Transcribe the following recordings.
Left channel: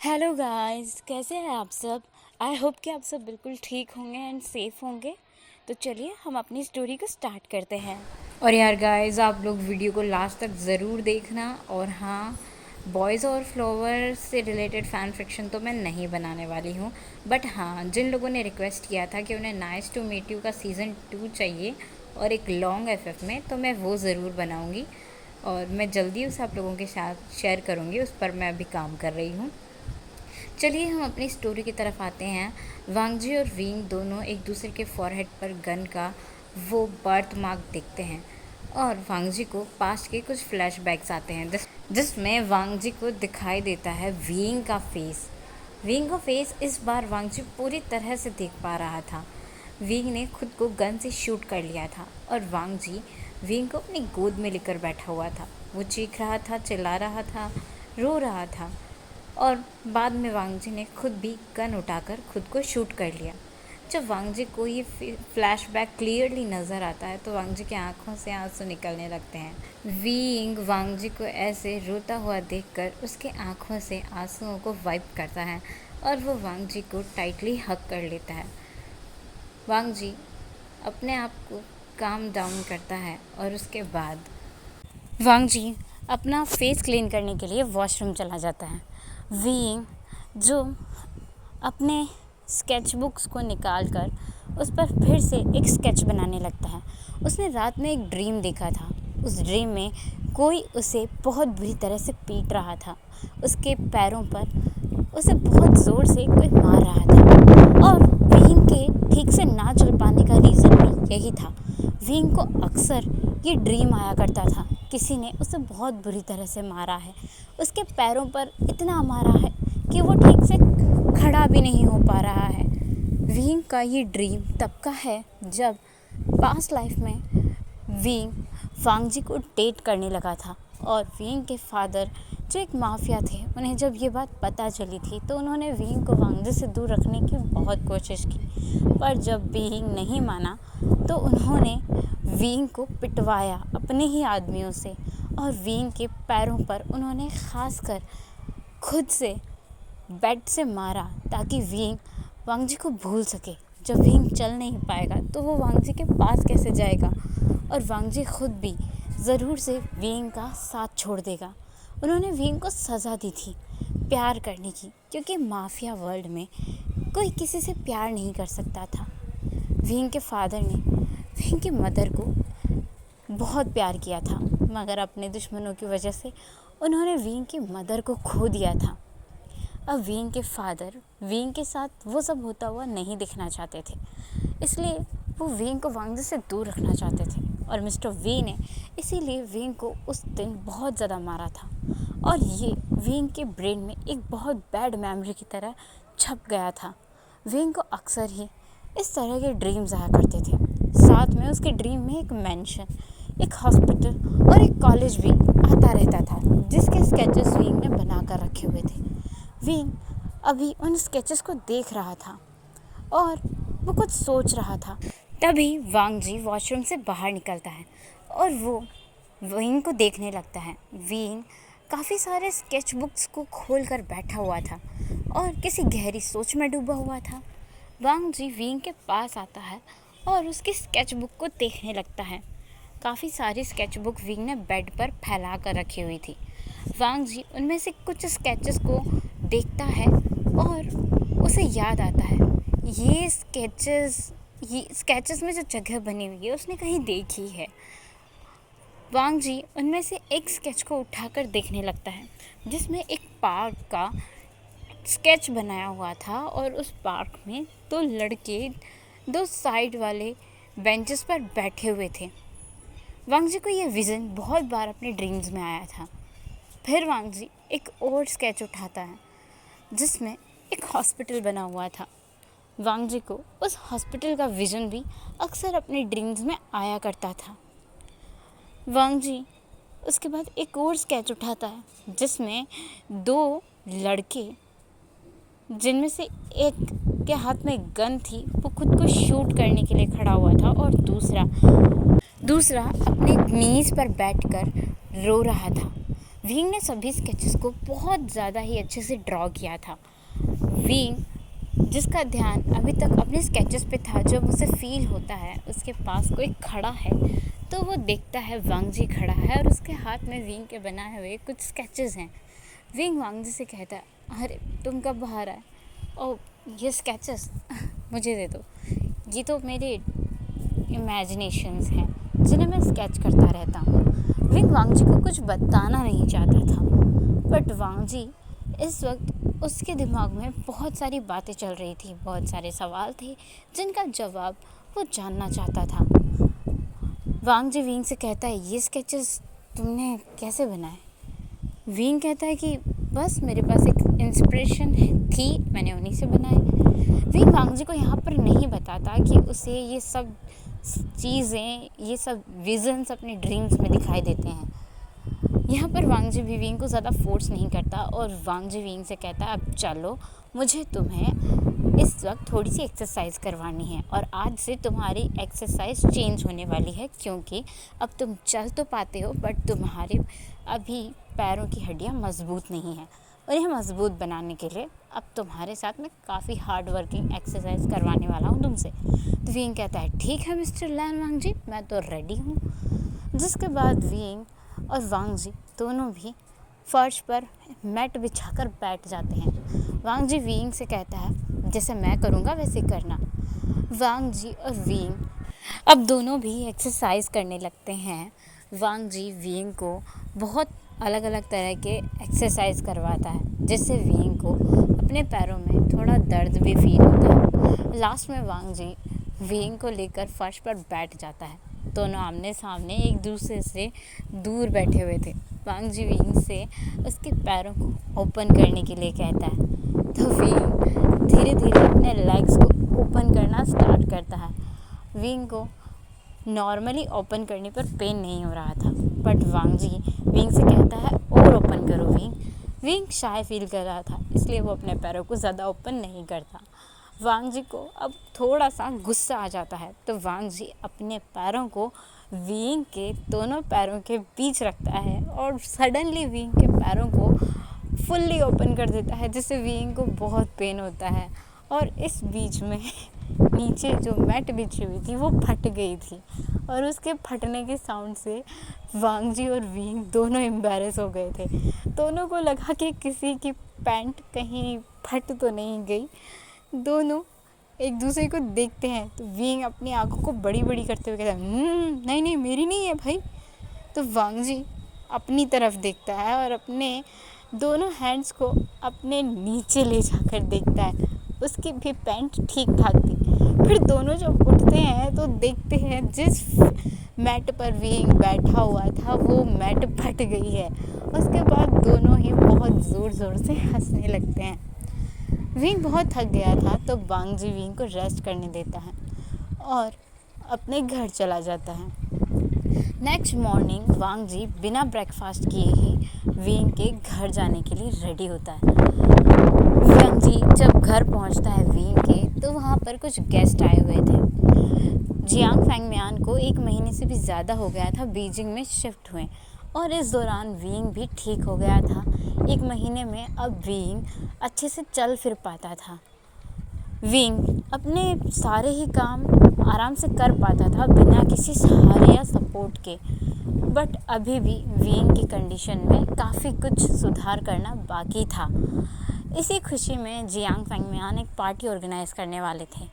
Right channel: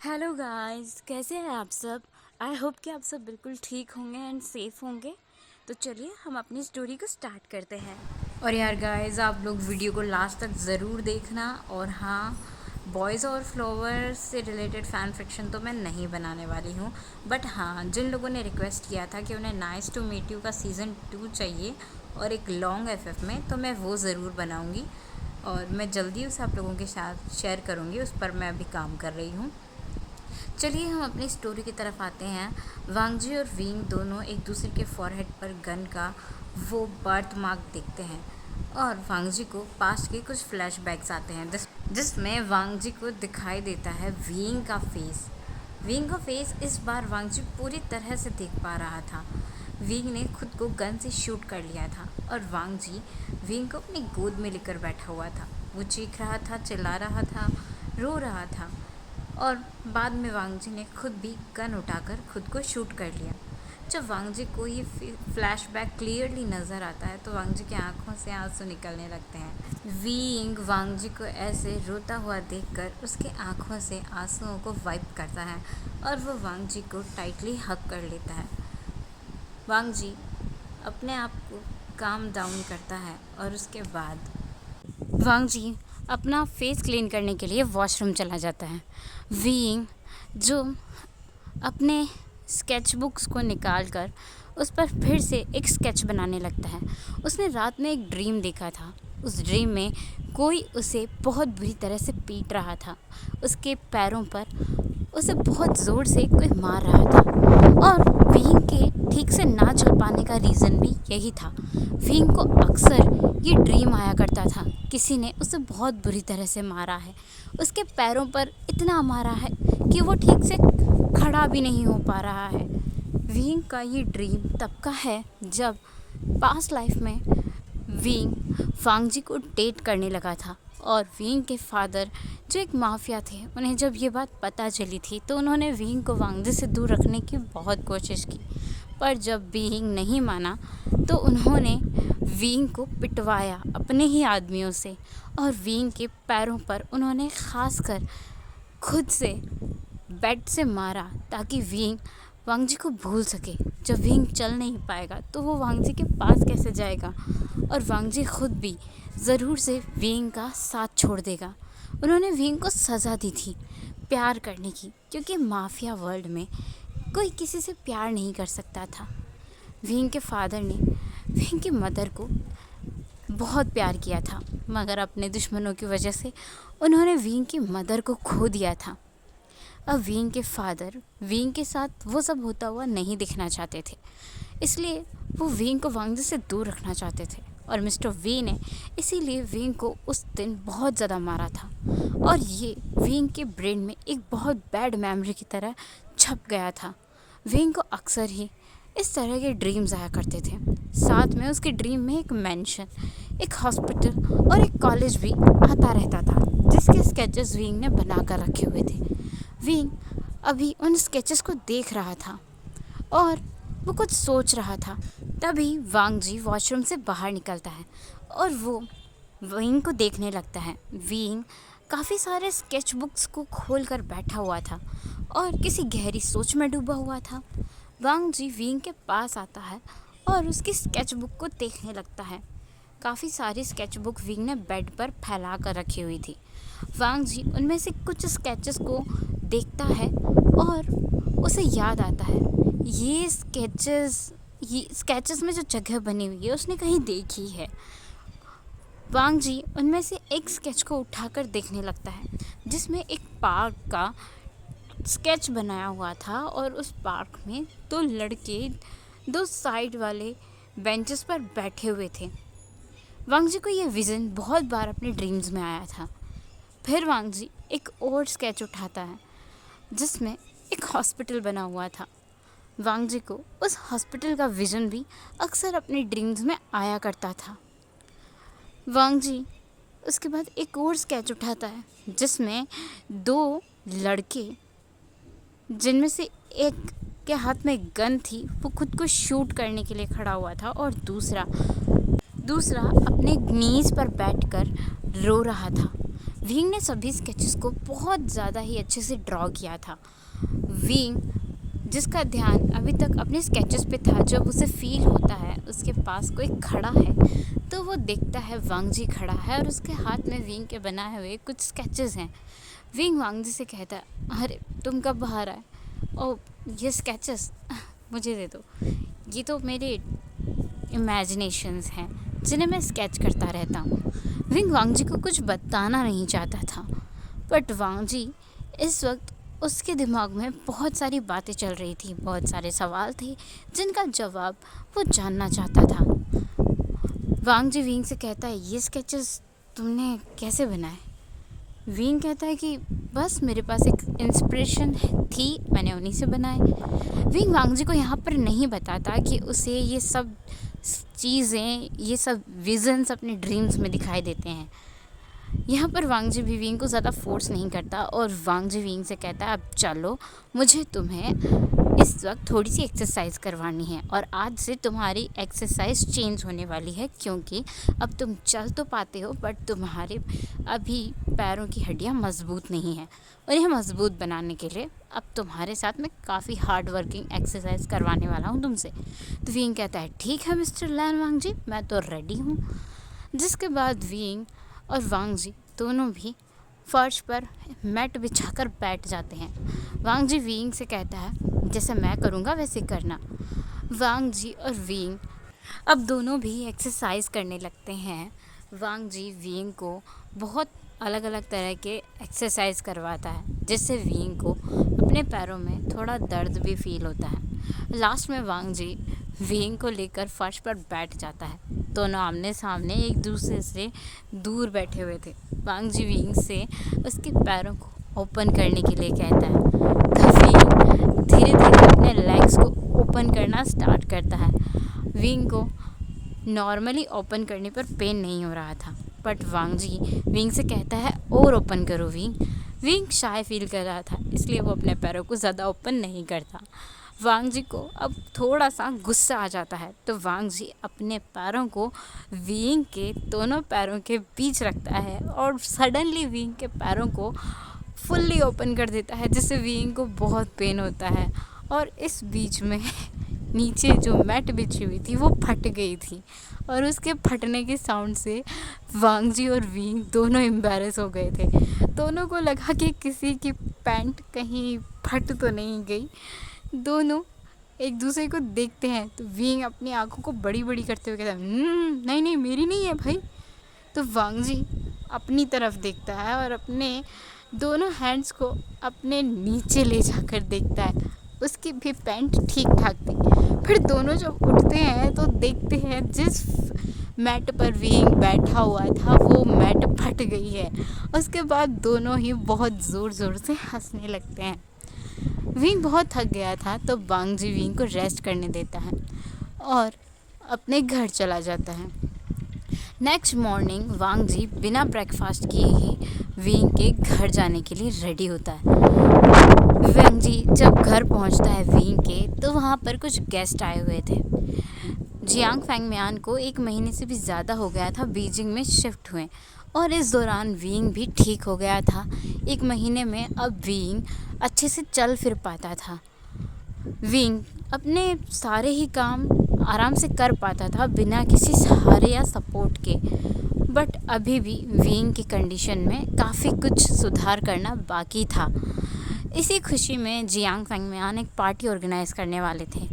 Hello guys, कैसे हैं आप सब। आई होप कि आप सब बिल्कुल ठीक होंगे एंड सेफ होंगे। तो चलिए हम अपनी स्टोरी को स्टार्ट करते हैं। और यार गाइस, आप लोग वीडियो को लास्ट तक ज़रूर देखना। और हाँ, बॉयज़ और फ्लावर से रिलेटेड फ़ैन फिक्शन तो मैं नहीं बनाने वाली हूँ। बट हाँ, जिन लोगों ने रिक्वेस्ट किया था कि उन्हें नाइस टू मीट यू का सीज़न 2 चाहिए और एक लॉन्ग एफएफ में, तो मैं वो ज़रूर बनाऊँगी और मैं जल्दी उसे आप लोगों के साथ शेयर करूँगी। उस पर मैं अभी काम कर रही हूँ। चलिए हम अपनी स्टोरी की तरफ आते हैं। वांगजी और वींग दोनों एक दूसरे के फॉरहेड पर गन का वो बर्थ मार्क देखते हैं और वांगजी को पास्ट के कुछ फ्लैशबैक्स आते हैं जिसमें वांगजी को दिखाई देता है वींग का फेस। वींग का फेस इस बार वांगजी पूरी तरह से देख पा रहा था। वींग ने खुद को गन से शूट कर लिया था और वांगजी वींग को अपनी गोद में लेकर बैठा हुआ था। वो चीख रहा था, चिल्ला रहा था, रो रहा था और बाद में वांगजी ने खुद भी गन उठाकर खुद को शूट कर लिया। जब वांगजी को ये फ्लैशबैक क्लियरली नज़र आता है तो वांगजी की आंखों से आंसू निकलने लगते हैं। वीइंग वांगजी को ऐसे रोता हुआ देखकर उसके आंखों से आंसुओं को वाइप करता है और वो वांगजी को टाइटली हग कर लेता है। वांगजी अपने आप को काम डाउन करता है और उसके बाद वांगजी अपना फेस क्लीन करने के लिए वॉशरूम चला जाता है। वीइंग जो अपने स्केच बुक्स को निकाल कर उस पर फिर से एक स्केच बनाने लगता है। उसने रात में एक ड्रीम देखा था। उस ड्रीम में कोई उसे बहुत बुरी तरह से पीट रहा था। उसके पैरों पर उसे बहुत ज़ोर से कोई मार रहा था और वीइंग के ठीक से ना चल पाने का रीज़न भी यही था। वीइंग को अक्सर ये ड्रीम आया करता था, किसी ने उसे बहुत बुरी तरह से मारा है, उसके पैरों पर इतना मारा है कि वो ठीक से खड़ा भी नहीं हो पा रहा है। वीइंग का ये ड्रीम तब का है जब पास्ट लाइफ में वीइंग वांगजी को डेट करने लगा था और वीइंग के फादर जो एक माफिया थे, उन्हें जब ये बात पता चली थी तो उन्होंने वीइंग को वांगजी से दूर रखने की बहुत कोशिश की। पर जब वीइंग नहीं माना तो उन्होंने वीइंग को पिटवाया अपने ही आदमियों से और वीइंग के पैरों पर उन्होंने खासकर खुद से बेड से मारा ताकि वीइंग वांगजी को भूल सके। जब वीइंग चल नहीं पाएगा तो वो वांगजी के पास कैसे जाएगा और वांगजी खुद भी ज़रूर से वीइंग का साथ छोड़ देगा। उन्होंने वीइंग को सज़ा दी थी प्यार करने की, क्योंकि माफिया वर्ल्ड में कोई किसी से प्यार नहीं कर सकता था। वीइंग के फादर ने वीइंग की मदर को बहुत प्यार किया था, मगर अपने दुश्मनों की वजह से उन्होंने वीइंग की मदर को खो दिया था। अब वीइंग के फादर वीइंग के साथ वो सब होता हुआ नहीं दिखना चाहते थे, इसलिए वो वीइंग को वांगजी से दूर रखना चाहते थे और मिस्टर वी ने इसीलिए वीइंग को उस दिन बहुत ज़्यादा मारा था और ये वीइंग के ब्रेन में एक बहुत बैड मेमोरी की तरह छप गया था। वीइंग को अक्सर ही इस तरह के ड्रीम्स आया करते थे। साथ में उसके ड्रीम में एक मेंशन, एक हॉस्पिटल और एक कॉलेज भी आता रहता था जिसके स्केचेस वीइंग ने बना कर रखे हुए थे। वीइंग अभी उन स्केचेस को देख रहा था और वो कुछ सोच रहा था। तभी वांगजी वॉशरूम से बाहर निकलता है और वो वीइंग को देखने लगता है। वीइंग काफ़ी सारे स्केच बुक्स को खोल कर बैठा हुआ था और किसी गहरी सोच में डूबा हुआ था। वांगजी वीइंग के पास आता है और उसकी स्केच बुक को देखने लगता है। काफ़ी सारी स्केच बुक वीइंग ने बेड पर फैला कर रखी हुई थी। वांगजी उनमें से कुछ स्केचेस को देखता है और उसे याद आता है ये स्केचेस में जो जगह बनी हुई है उसने कहीं देखी है। वांगजी उनमें से एक स्केच को उठाकर देखने लगता है जिसमें एक पार्क का स्केच बनाया हुआ था और उस पार्क में दो लड़के दो साइड वाले बेंचेस पर बैठे हुए थे। वांगजी को ये विज़न बहुत बार अपने ड्रीम्स में आया था। फिर वांगजी एक और स्केच उठाता है जिसमें एक हॉस्पिटल बना हुआ था। वांगजी को उस हॉस्पिटल का विज़न भी अक्सर अपने ड्रीम्स में आया करता था। वांगजी उसके बाद एक और स्केच उठाता है जिसमें दो लड़के, जिनमें से एक के हाथ में गन थी, वो खुद को शूट करने के लिए खड़ा हुआ था और दूसरा अपने नीज़ पर बैठकर रो रहा था। विंग ने सभी स्केचेस को बहुत ज़्यादा ही अच्छे से ड्रॉ किया था। विंग जिसका ध्यान अभी तक अपने स्केचेस पे था, जब उसे फील होता है उसके पास कोई खड़ा है तो वो देखता है वांगजी खड़ा है और उसके हाथ में विंग के बनाए हुए कुछ स्केचेस हैं। विंग वांगजी से कहता है, अरे तुम कब बाहर आए? ओ ये स्केचेस मुझे दे दो, ये तो मेरे इमेजिनेशंस हैं जिन्हें मैं स्केच करता रहता हूँ। विंग वांगजी को कुछ बताना नहीं चाहता था, बट वांगजी इस वक्त उसके दिमाग में बहुत सारी बातें चल रही थी, बहुत सारे सवाल थे जिनका जवाब वो जानना चाहता था। वांगजी विंग से कहता है, ये स्केचेस तुमने कैसे बनाए? विंग कहता है कि बस मेरे पास एक इंस्पिरेशन थी, मैंने उन्हीं से बनाए। विंग वांगजी को यहाँ पर नहीं बताता कि उसे ये सब चीज़ें, ये सब विजन्स अपने ड्रीम्स में दिखाई देते हैं। यहाँ पर वांगजी भी विंग को ज़्यादा फोर्स नहीं करता और वांगजी विंग से कहता है, अब चलो, मुझे तुम्हें इस वक्त थोड़ी सी एक्सरसाइज करवानी है और आज से तुम्हारी एक्सरसाइज चेंज होने वाली है, क्योंकि अब तुम चल तो पाते हो बट तुम्हारे अभी पैरों की हड्डियाँ मजबूत नहीं हैं, और यह मजबूत बनाने के लिए अब तुम्हारे साथ में काफ़ी हार्ड वर्किंग एक्सरसाइज करवाने वाला हूँ तुमसे। तो विंग कहता है, ठीक है मिस्टर लैन वांगजी, मैं तो रेडी हूँ। जिसके बाद विंग और वांगजी दोनों भी फर्श पर मैट बिछाकर बैठ जाते हैं। वांगजी विंग से कहता है, जैसे मैं करूँगा वैसे करना। वांगजी और विंग अब दोनों भी एक्सरसाइज करने लगते हैं। वांगजी विंग को बहुत अलग अलग तरह के एक्सरसाइज करवाता है, जिससे विंग को अपने पैरों में थोड़ा दर्द भी फील होता है। लास्ट में वांगजी विंग को लेकर फर्श पर बैठ जाता है। दोनों आमने सामने एक दूसरे से दूर बैठे हुए थे। वांगजी विंग से उसके पैरों को ओपन करने के लिए कहता है, तो विंग धीरे धीरे अपने लेग्स को ओपन करना स्टार्ट करता है। विंग को नॉर्मली ओपन करने पर पेन नहीं हो रहा था, बट वांगजी विंग से कहता है, और ओपन करो विंग। विंग शाय फील कर रहा था, इसलिए वो अपने पैरों को ज़्यादा ओपन नहीं करता। वांगजी को अब थोड़ा सा गुस्सा आ जाता है, तो वांगजी अपने पैरों को विंग के दोनों पैरों के बीच रखता है और सडनली विंग के पैरों को फुल्ली ओपन कर देता है, जिससे विंग को बहुत पेन होता है। और इस बीच में नीचे जो मैट बिछी हुई थी वो फट गई थी, और उसके फटने के साउंड से वांगजी और विंग दोनों एम्बैरेस हो गए थे। दोनों को लगा कि किसी की पैंट कहीं फट तो नहीं गई। दोनों एक दूसरे को देखते हैं, तो विंग अपनी आंखों को बड़ी बड़ी करते हुए कहता है, नहीं नहीं मेरी नहीं है भाई। तो वांगजी अपनी तरफ देखता है और अपने दोनों हैंड्स को अपने नीचे ले जाकर देखता है, उसकी भी पैंट ठीक ठाक थी। फिर दोनों जब उठते हैं तो देखते हैं जिस मैट पर विंग बैठा हुआ था वो मैट फट गई है। उसके बाद दोनों ही बहुत ज़ोर ज़ोर से हंसने लगते हैं। विंग बहुत थक गया था, तो वांगजी विंग को रेस्ट करने देता है और अपने घर चला जाता है। नेक्स्ट मॉर्निंग वांगजी बिना ब्रेकफास्ट किए ही विंग के घर जाने के लिए रेडी होता है। वांगजी जब घर पहुंचता है विंग के, तो वहाँ पर कुछ गेस्ट आए हुए थे। जियांग फैंगमियान को 1 महीने से भी ज़्यादा हो गया था बीजिंग में शिफ्ट हुए, और इस दौरान विंग भी ठीक हो गया था। 1 महीने में अब विंग अच्छे से चल फिर पाता था। विंग अपने सारे ही काम आराम से कर पाता था बिना किसी सहारे या सपोर्ट के, बट अभी भी विंग की कंडीशन में काफ़ी कुछ सुधार करना बाकी था। इसी खुशी में जियांग फैंगमियान एक पार्टी ऑर्गेनाइज़ करने वाले थे,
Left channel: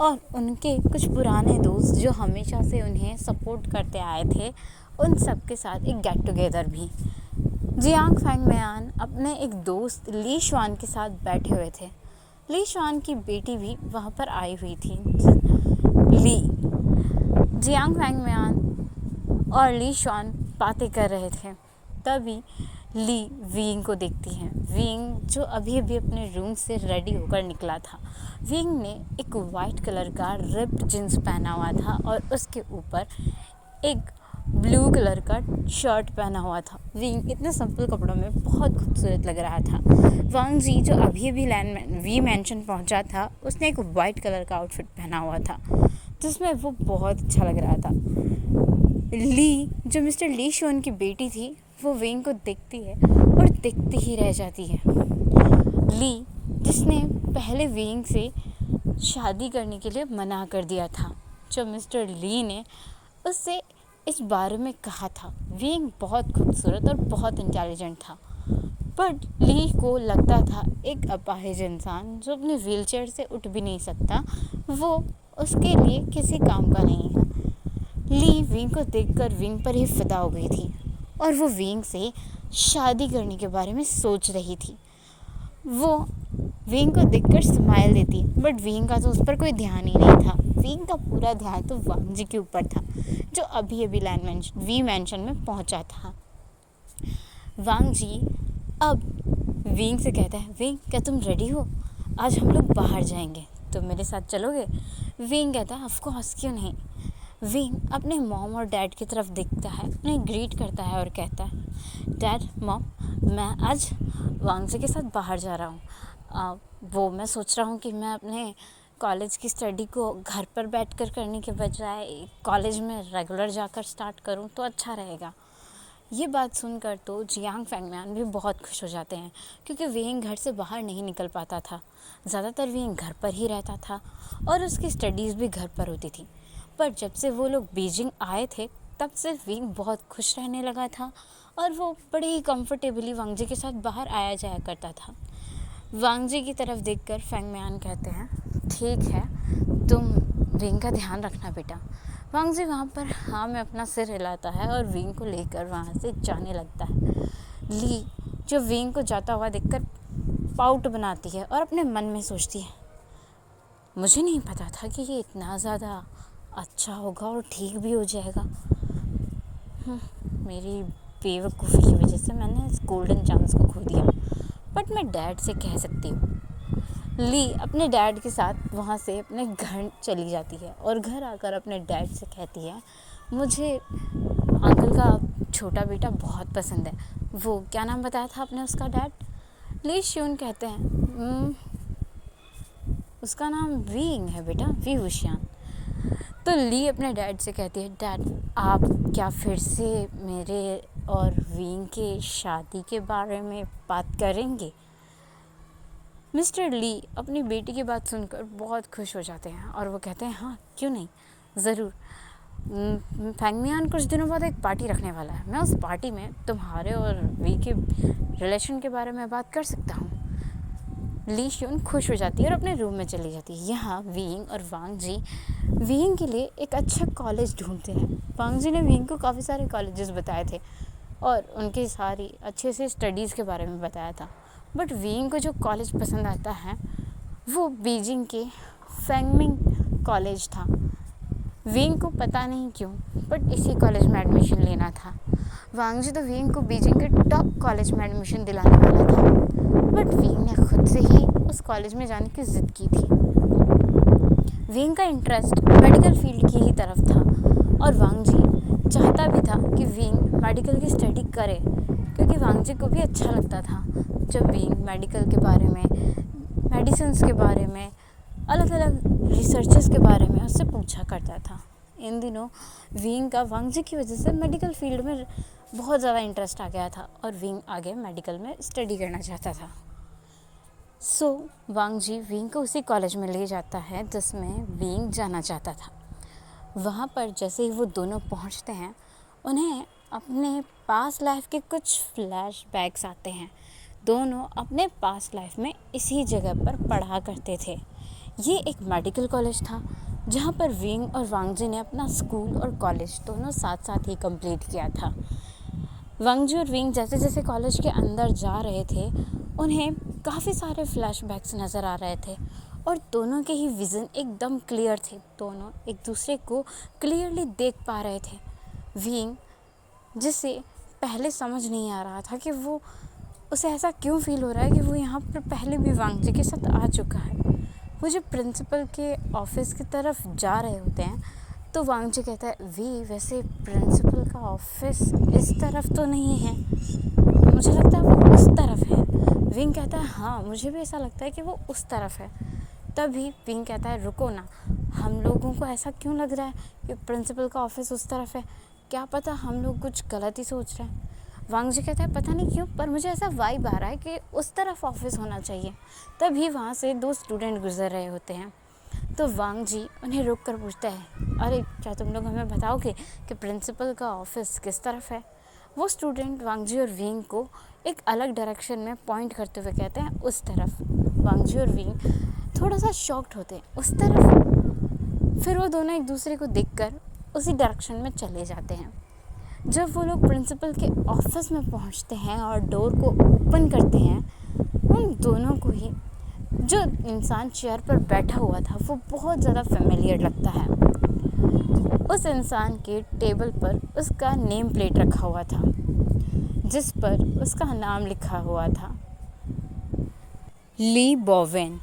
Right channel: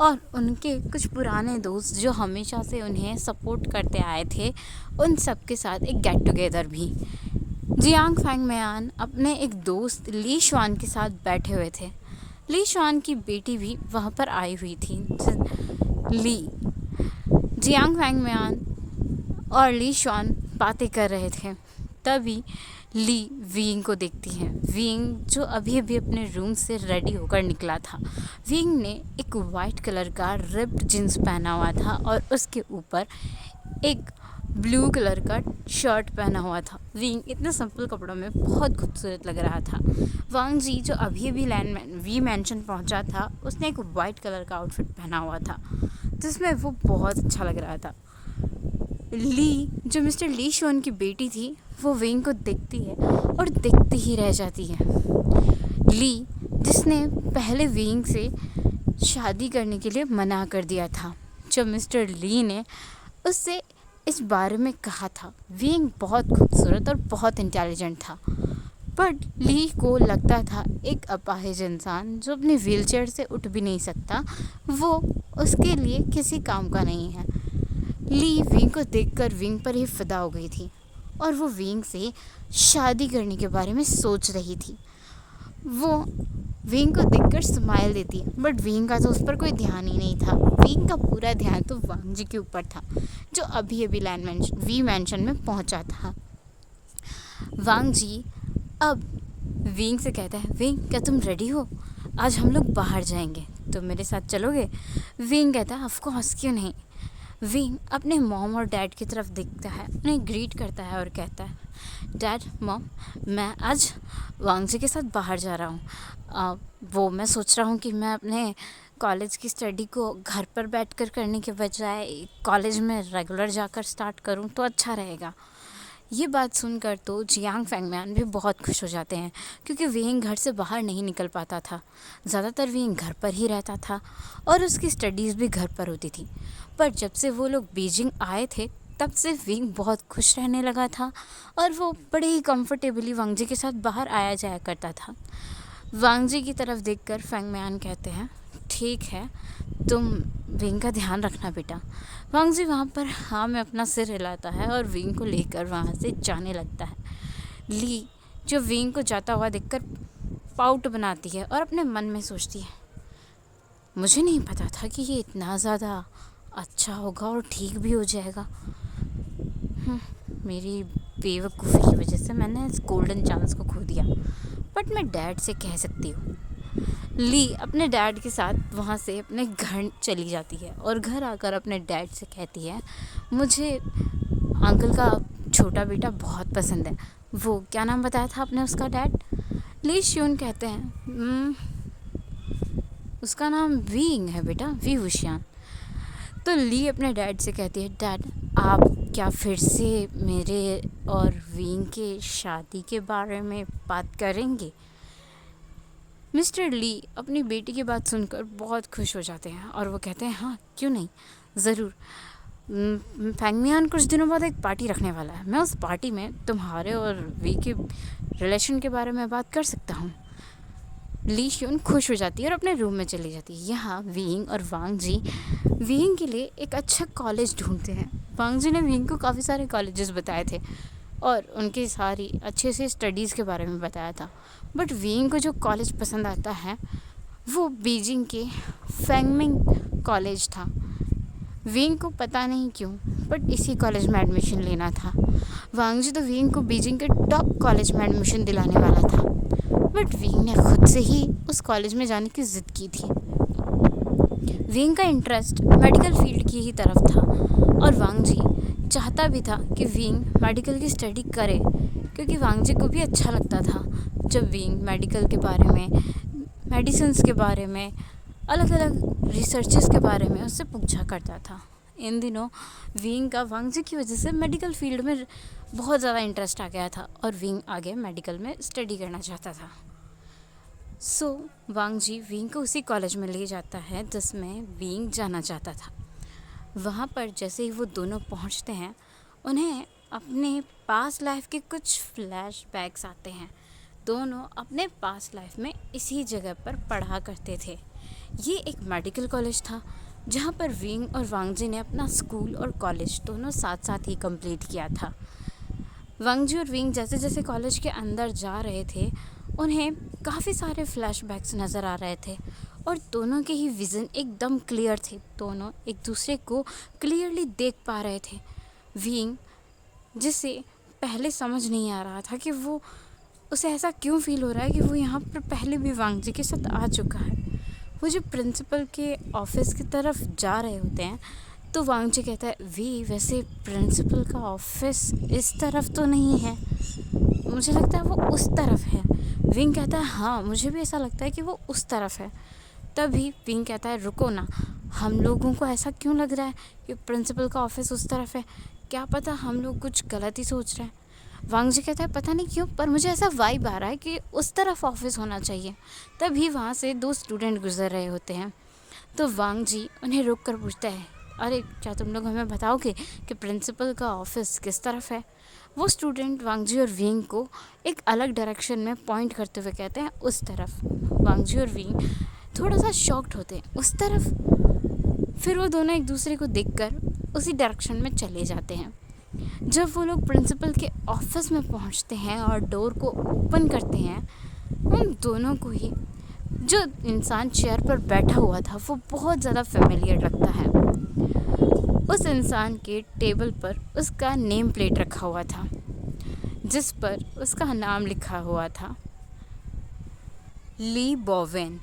और उनके कुछ पुराने दोस्त जो हमेशा से उन्हें सपोर्ट करते आए थे, उन सब के साथ एक गेट टुगेदर भी। जियांग फैंगमियान अपने एक दोस्त ली शुआन के साथ बैठे हुए थे। ली शुआन की बेटी भी वहाँ पर आई हुई थी। ली जियांग फैंगमियान और ली शुआन बातें कर रहे थे। तभी ली विंग को देखती है। विंग जो अभी अभी अपने रूम से रेडी होकर निकला था। विंग ने एक वाइट कलर का रिप्ड जींस पहना हुआ था और उसके ऊपर एक ब्लू कलर का शर्ट पहना हुआ था। विंग इतने सिंपल कपड़ों में बहुत खूबसूरत लग रहा था। वांगजी जो अभी अभी वी मैंशन पहुंचा था, उसने एक वाइट कलर का आउटफिट पहना हुआ था जिसमें वो बहुत अच्छा लग रहा था। ली जो मिस्टर ली शुआन की बेटी थी, वो विंग को देखती है और देखती ही रह जाती है। ली, जिसने पहले विंग से शादी करने के लिए मना कर दिया था, जब मिस्टर ली ने उससे इस बारे में कहा था। विंग बहुत खूबसूरत और बहुत इंटेलिजेंट था, पर ली को लगता था एक अपाहिज इंसान जो अपनी व्हीलचेयर से उठ भी नहीं सकता, वो उसके लिए किसी काम का नहीं है। ली विंग को देखकर विंग पर ही फिदा हो गई थी और वो विंग से शादी करने के बारे में सोच रही थी। वो विंग को देखकर स्माइल देती, बट विंग का तो उस पर कोई ध्यान ही नहीं था। विंग का पूरा ध्यान तो वांग जी के ऊपर था, जो अभी वी मैंशन में पहुंचा था। वांग जी अब विंग से कहता है, विंग क्या तुम रेडी हो? आज हम लोग बाहर जाएंगे, तुम मेरे साथ चलोगे? विंग कहता है, ऑफ कोर्स, क्यों नहीं। विंग अपने मॉम और डैड की तरफ देखता है, उन्हें ग्रीट करता है और कहता है, डैड, मॉम, मैं आज वांग जी के साथ बाहर जा रहा हूँ। वो मैं सोच रहा हूँ कि मैं अपने कॉलेज की स्टडी को घर पर बैठकर करने के बजाय कॉलेज में रेगुलर जाकर स्टार्ट करूँ तो अच्छा रहेगा। ये बात सुनकर तो जियांग फैंगमैन भी बहुत खुश हो जाते हैं, क्योंकि विंग घर से बाहर नहीं निकल पाता था। ज़्यादातर विंग घर पर ही रहता था और उसकी स्टडीज़ भी घर पर होती थी। पर जब से वो लोग बीजिंग आए थे, तब से विंग बहुत खुश रहने लगा था और वो बड़े ही कंफर्टेबली वांग जी के साथ बाहर आया जाया करता था। वांग जी की तरफ देखकर फैंगमैन कहते हैं, ठीक है, तुम विंग का ध्यान रखना बेटा। वांग जी वहाँ पर हाँ में अपना सिर हिलाता है और विंग को लेकर वहाँ से जाने लगता है। ली, जो विंग को जाता हुआ देखकर पाउट बनाती है और अपने मन में सोचती है, मुझे नहीं पता था कि ये इतना ज़्यादा अच्छा होगा और ठीक भी हो जाएगा। मेरी बेवकूफ़ी की वजह से मैंने इस गोल्डन चांस को खो दिया, बट मैं डैड से कह सकती हूँ। ली अपने डैड के साथ वहाँ से अपने घर चली जाती है और घर आकर अपने डैड से कहती है, मुझे अंकल का छोटा बेटा बहुत पसंद है। वो क्या नाम बताया था आपने उसका, डैड? ली श्यून कहते हैं, उसका नाम विंग है बेटा, वी हुशियान। तो ली अपने डैड से कहती है, डैड, आप क्या फिर से मेरे और विंग के शादी के बारे में बात करेंगे? मिस्टर ली अपनी बेटी की बात सुनकर बहुत खुश हो जाते हैं और वो कहते हैं, हाँ, क्यों नहीं, ज़रूर। फैंगमियान कुछ दिनों बाद एक पार्टी रखने वाला है, मैं उस पार्टी में तुम्हारे और वी के रिलेशन के बारे में बात कर सकता हूँ। ली श्यून खुश हो जाती है और अपने रूम में चली जाती है। यहाँ विंग और वांग जी विंग के लिए एक अच्छा कॉलेज ढूंढते हैं। वांग जी ने विंग को काफ़ी सारे कॉलेजेस बताए थे और उनकी सारी अच्छे से स्टडीज़ के बारे में बताया था, बट विंग को जो कॉलेज पसंद आता है वो बीजिंग के फैंगमिंग कॉलेज था। विंग को पता नहीं क्यों बट इसी कॉलेज में एडमिशन लेना था। वांग जी तो विंग को बीजिंग के टॉप कॉलेज में एडमिशन दिलाने वाला था, बट विंग ने खुद से ही उस कॉलेज में जाने की ज़िद की थी। विंग का इंटरेस्ट मेडिकल फील्ड की ही तरफ था और वांग जी चाहता भी था कि विंग मेडिकल की स्टडी करे, क्योंकि वांग जी को भी अच्छा लगता था जब विंग मेडिकल के बारे में, मेडिसिन्स के बारे में, अलग अलग रिसर्चेस के बारे में उससे पूछा करता था। इन दिनों विंग का वांग जी की वजह से मेडिकल फील्ड में बहुत ज़्यादा इंटरेस्ट आ गया था और विंग आगे मेडिकल में स्टडी करना चाहता था। सो वांग जी विंग को उसी कॉलेज में ले जाता है जिसमें विंग जाना चाहता था। वहाँ पर जैसे ही वो दोनों पहुँचते हैं, उन्हें अपने पास्ट लाइफ के कुछ फ्लैशबैक्स आते हैं। दोनों अपने पास्ट लाइफ में इसी जगह पर पढ़ा करते थे। ये एक मेडिकल कॉलेज था जहाँ पर विंग और वांग जी ने अपना स्कूल और कॉलेज दोनों साथ साथ ही कंप्लीट किया था। वांग जी और विंग जैसे जैसे कॉलेज के अंदर जा रहे थे, उन्हें काफ़ी सारे फ्लैशबैक्स नज़र आ रहे थे और दोनों के ही विज़न एकदम क्लियर थे। दोनों एक दूसरे को क्लियरली देख पा रहे थे। विंग, जिसे पहले समझ नहीं आ रहा था कि वो उसे ऐसा क्यों फील हो रहा है कि वो यहाँ पर पहले भी वांग जी के साथ आ चुका है। वो जब प्रिंसिपल के ऑफिस की तरफ जा रहे होते हैं तो वांग जी कहता है, वैसे प्रिंसिपल का ऑफिस इस तरफ तो नहीं है, मुझे लगता है वो उस तरफ है। विंग कहता है, हाँ, मुझे भी ऐसा लगता है कि वो उस तरफ है। तभी विंग कहता है, रुको ना, हम लोगों को ऐसा क्यों लग रहा है कि प्रिंसिपल का ऑफिस उस तरफ है? क्या पता हम लोग कुछ गलत ही सोच रहे हैं। वांग जी कहता है पता नहीं क्यों पर मुझे ऐसा वाइब आ रहा है कि उस तरफ ऑफिस होना चाहिए। तभी वहाँ से 2 स्टूडेंट गुजर रहे होते हैं। तो वांग जी उन्हें रोक कर पूछता है, अरे क्या तुम लोग हमें बताओगे कि प्रिंसिपल का ऑफिस किस तरफ है? वो स्टूडेंट वांग जी और विंग को एक अलग डायरेक्शन में पॉइंट करते हुए कहते हैं उस तरफ। वांग जी और विंग थोड़ा सा शॉक्ड होते हैं, उस तरफ। फिर वो दोनों एक दूसरे को देखकर उसी डायरेक्शन में चले जाते हैं। जब वो लोग प्रिंसिपल के ऑफिस में पहुंचते हैं और डोर को ओपन करते हैं, उन दोनों को ही जो इंसान चेयर पर बैठा हुआ था वो बहुत ज़्यादा फेमिलियर लगता है। उस इंसान के टेबल पर उसका नेम प्लेट रखा हुआ था जिस पर उसका नाम लिखा हुआ था ली बोवेन।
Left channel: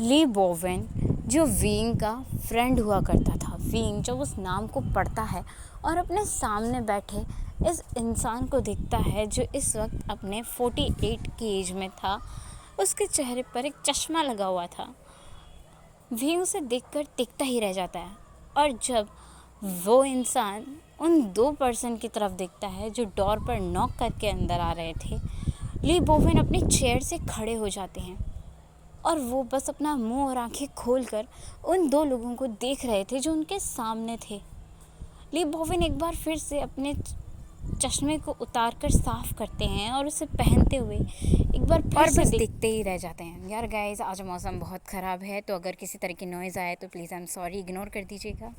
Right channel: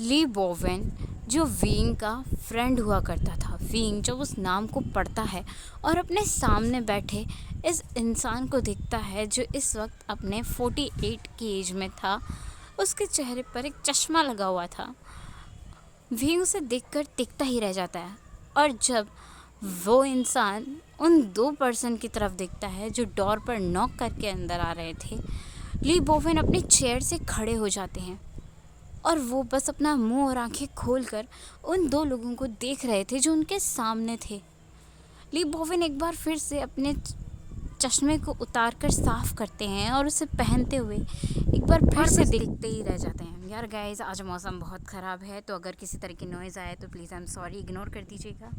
ली बोवेन जो विंग का फ्रेंड हुआ करता था। विंग जब उस नाम को पढ़ता है और अपने सामने बैठे इस इंसान को देखता है जो इस वक्त अपने 48 की एज में था, उसके चेहरे पर एक चश्मा लगा हुआ था। विंग उसे देखकर टिकता ही रह जाता है। और जब वो इंसान उन 2 पर्सन की तरफ देखता है जो डोर पर नॉक करके अंदर आ रहे थे, ली बोवेन अपनी चेयर से खड़े हो जाते हैं और वो बस अपना मुंह और आंखें खोलकर उन 2 लोगों को देख रहे थे जो उनके सामने थे। ली बोवेन एक बार फिर से अपने चश्मे को उतारकर साफ करते हैं और उसे पहनते हुए एक बार फिर से देखते ही रह जाते हैं। यार गाइस, आज मौसम बहुत ख़राब है, तो अगर किसी तरह की नॉइज़ आए तो please I am sorry, ignore कर दीजिएगा।